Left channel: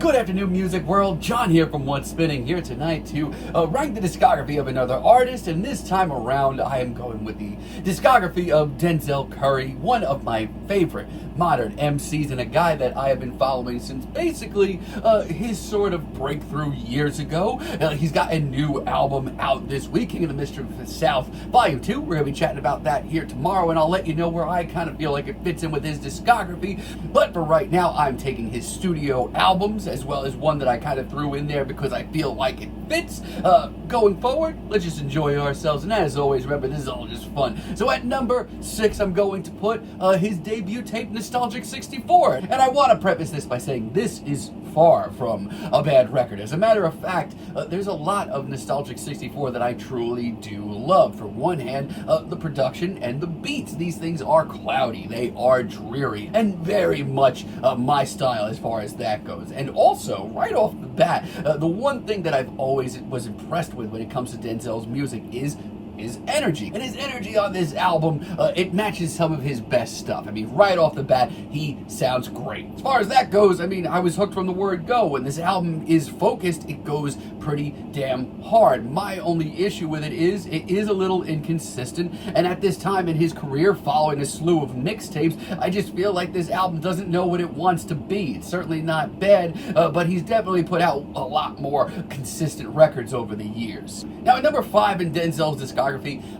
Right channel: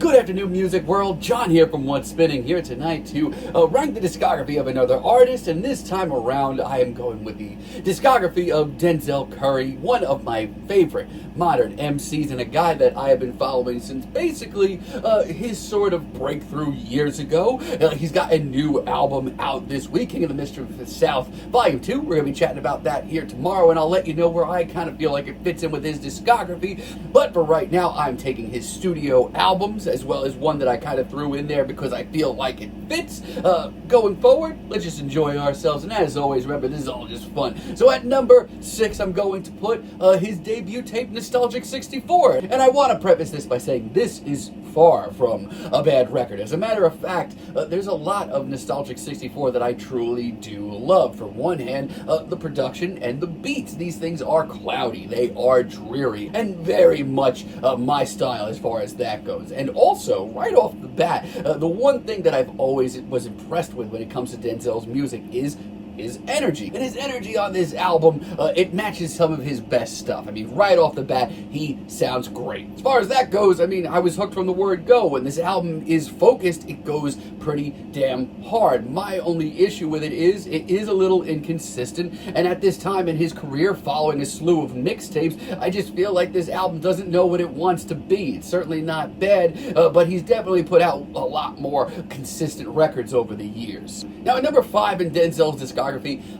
Good afternoon, music world. John here from What's Spinning, here tonight to rank the discography of another artist, and this time around I am going with the discography of Denzel Curry, one of my favorite modern MCs and a guy that I have been following since basically his sort of breakthrough years ago. He's got a new album out this week, King of the Mischievous South Volume 2. We're going to be chatting about that here tomorrow, and I'll let you know where I kind of feel like it fits in with his discography. But for right now, I'm taking his studio albums, as well as one that I kind of threw in there because I feel like it fits. Going forward, let's just enjoy ourselves, and as always, remember, this is all just fun. So at number 6, I'm going to put his debut tape, Nostalgic 64, and I want to preface this by saying this is far from a bad record. As a matter of fact, there's a lot of Nostalgic 64 that I truly do love. For one hand, the production and the beats. These things are cloudy, they are dreary, and very much my style as far as that goes. And also, right off the bat, the one thing that I've always was impressed with when it comes to Denzel's music is his energy. And his energy on this album, it matches some of his best stuff. I mean, right off the bat, he sounds great. As far as that goes, I mean, I was hooked from the word go. When this album is focused, it goes pretty damn hard. My only issue with it is a little inconsistent, and at this time in his career, following a slew of mixtapes, I just feel like this album doesn't know what it wants to be. It's certainly not bad, but he's definitely put out a lot more consistent records over the years. Now, at number 5 in Denzel's discography,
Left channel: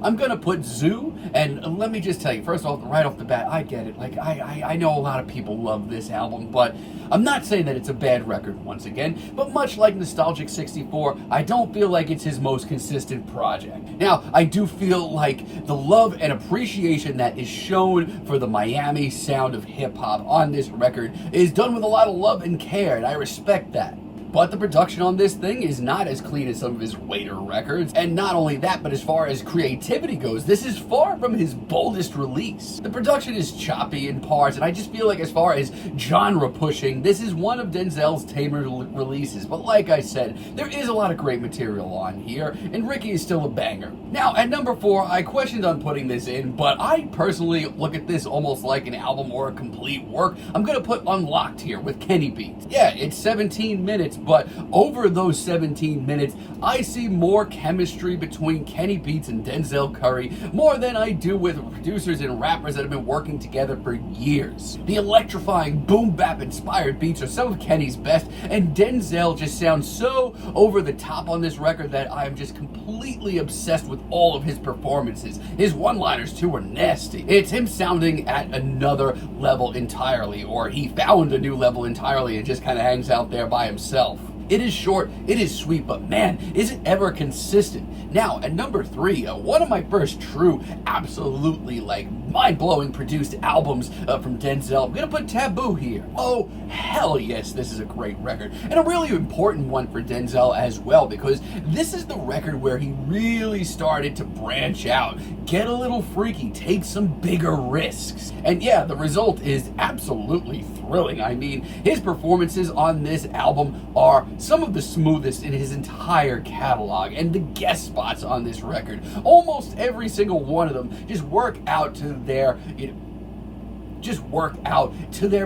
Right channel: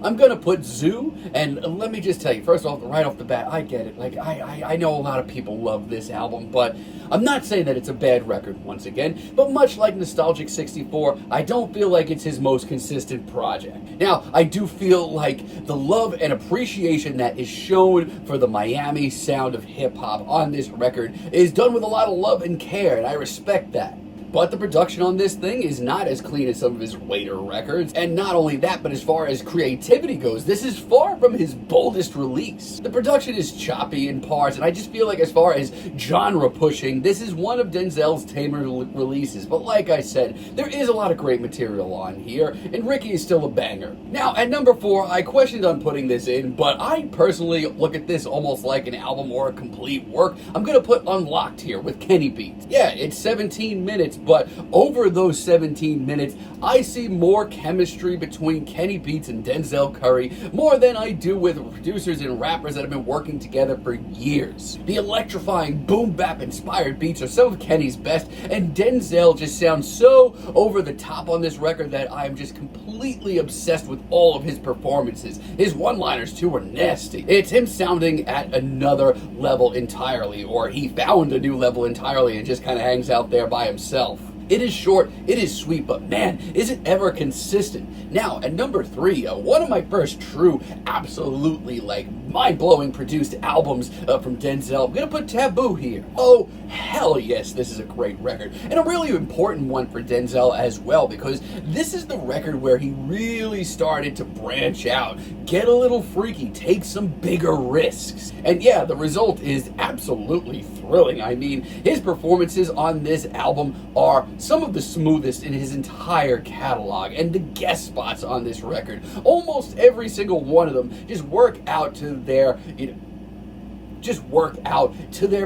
I'm gonna put Zoo, and let me just tell you, first off, right off the bat, I get it. Like, I know a lot of people love this album, but I'm not saying that it's a bad record once again, but much like Nostalgic 64, I don't feel like it's his most consistent project. Now, I do feel like the love and appreciation that is shown for the Miami sound of hip-hop on this record is done with a lot of love and care, and I respect that. But the production on this thing is not as clean as some of his later records. And not only that, but as far as creativity goes, this is far from his boldest release. The production is choppy in parts, and I just feel like as far as genre pushing, this is one of Denzel's tamer releases. But like I said, there is a lot of great material on here, and Ricky is still a banger. Now, at number 4, I questioned on putting this in, but I personally look at this almost like an album or a complete work. I'm gonna put Unlocked here with Kenny Beats. Yeah, it's 17 minutes, but over those 17 minutes, I see more chemistry between Kenny Beats and Denzel Curry, more than I do with producers and rappers that have been working together for years. The electrifying boom bap inspired beats are some of Kenny's best, and Denzel just sounds so over the top on this record that I'm just completely obsessed with all of his performances. His one-liners too are nasty. It's him sounding at another level entirely, or he found a new level entirely and just kind of hangs out there by himself. It is short, it is sweet, but man, is it ever consistent. Now, at number 3, one of my first true, absolutely, like, mind-blowing produced albums from Denzel, I'm gonna put Taboo here. Oh, hell yes, this is a great record. And a really important one for Denzel as well, because this is the record where he really started to branch out, get a little freaky, take some bigger risks. And yeah, the result is absolutely thrilling. I mean, his performances on this album are some of the smoothest in his entire catalog, and the guest spots on this record, almost every single one of them, just work out to their,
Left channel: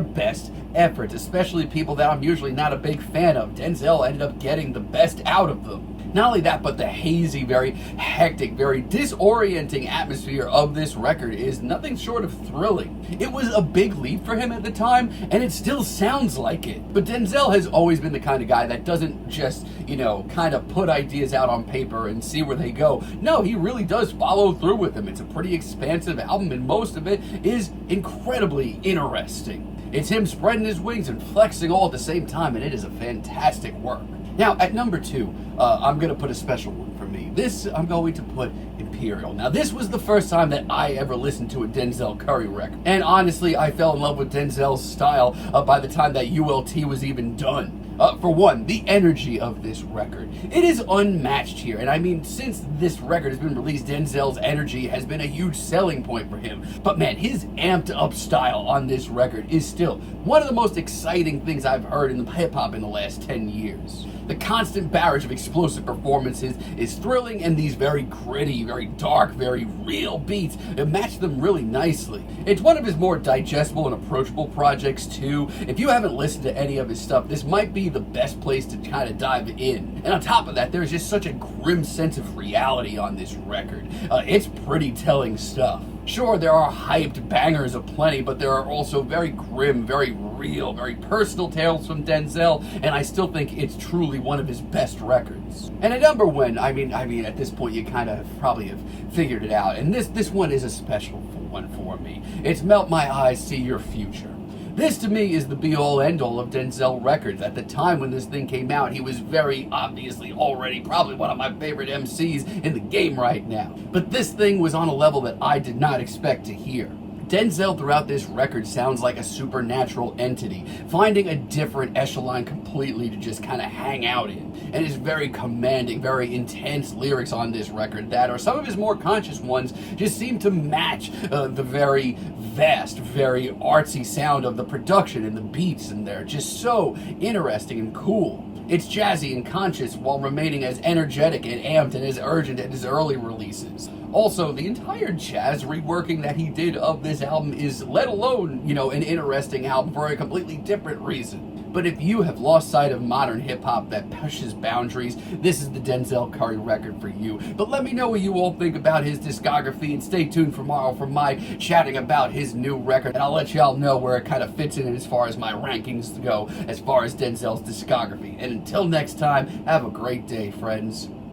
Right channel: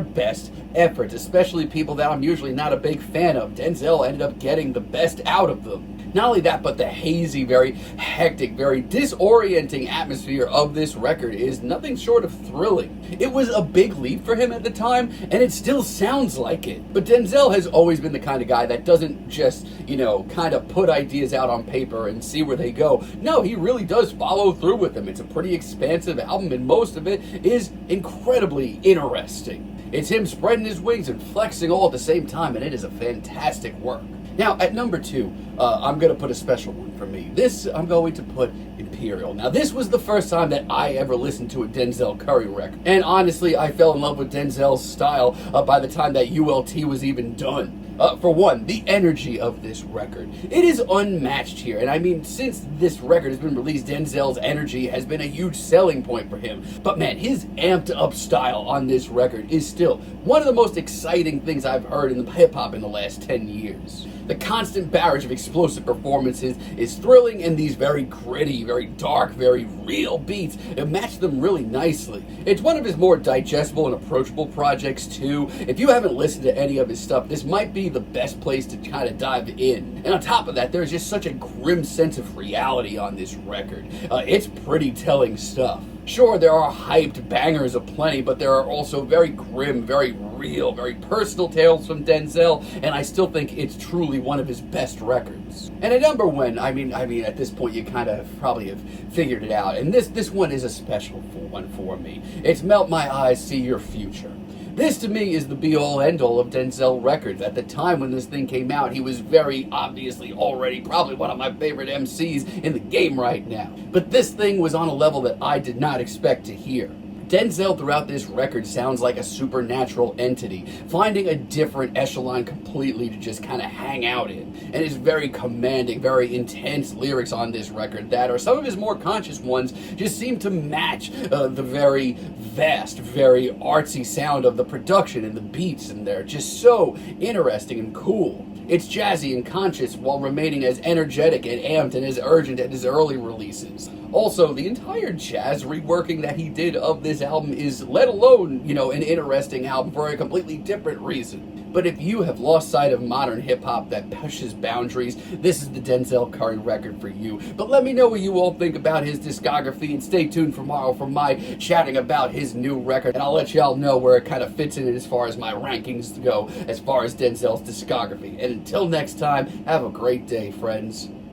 best efforts, especially people that I'm usually not a big fan of. Denzel ended up getting the best out of them. Not only that, but the hazy, very hectic, very disorienting atmosphere of this record is nothing short of thrilling. It was a big leap for him at the time, and it still sounds like it. But Denzel has always been the kind of guy that doesn't just, kind of put ideas out on paper and see where they go. No, he really does follow through with them. It's a pretty expansive album, and most of it is incredibly interesting. It's him spreading his wings and flexing all at the same time, and it is a fantastic work. Now, at number 2, I'm going to put a special one for me. This, I'm going to put Imperial. Now, this was the first time that I ever listened to a Denzel Curry record. And honestly, I fell in love with Denzel's style by the time that ULT was even done. For one, the energy of this record. It is unmatched here. And I mean, since this record has been released, Denzel's energy has been a huge selling point for him. But man, his amped up style on this record is still one of the most exciting things I've heard in hip hop in the last 10 years. The constant barrage of explosive performances is thrilling, and these very gritty, very dark, very real beats match them really nicely. It's one of his more digestible and approachable projects too. If you haven't listened to any of his stuff, this might be the best place to kind of dive in. And on top of that, there's just such a grim sense of reality on this record. It's pretty telling stuff. Sure, there are hyped bangers aplenty, but there are also very grim, very real, very personal tales from Denzel, and I still think it's truly one of his best records. And at number one, I mean, at this point you kind of probably have figured it out, and this one is a special one for me. It's Melt My Eyes, See Your Future. This, to me, is the be-all, end-all of Denzel records. At the time when this thing came out, he was very obviously already probably one of my favorite MCs in the game right now. But this thing was on a level that I did not expect to hear. Denzel throughout this record sounds like a supernatural entity, finding a different echelon completely to just kind of hang out in. And his very commanding, very intense lyrics on this record that, or some of his more conscious ones, just seem to match the very vast, very artsy sound of the production and the beats, and they're just so interesting and cool. It's jazzy and conscious while remaining as energetic and amped and as urgent as his early releases. Also, the entire jazz reworking that he did of this album is, let alone, an interesting album for a completely different reason. But if you have lost sight of modern hip-hop that pushes boundaries, this is the Denzel Curry record for you. But let me know what you all think about his discography, and stay tuned tomorrow for my chatting about his new record, and I'll let y'all know where it kind of fits in as far as my rankings go, as far as Denzel's discography. And until next time, have a great day, friends.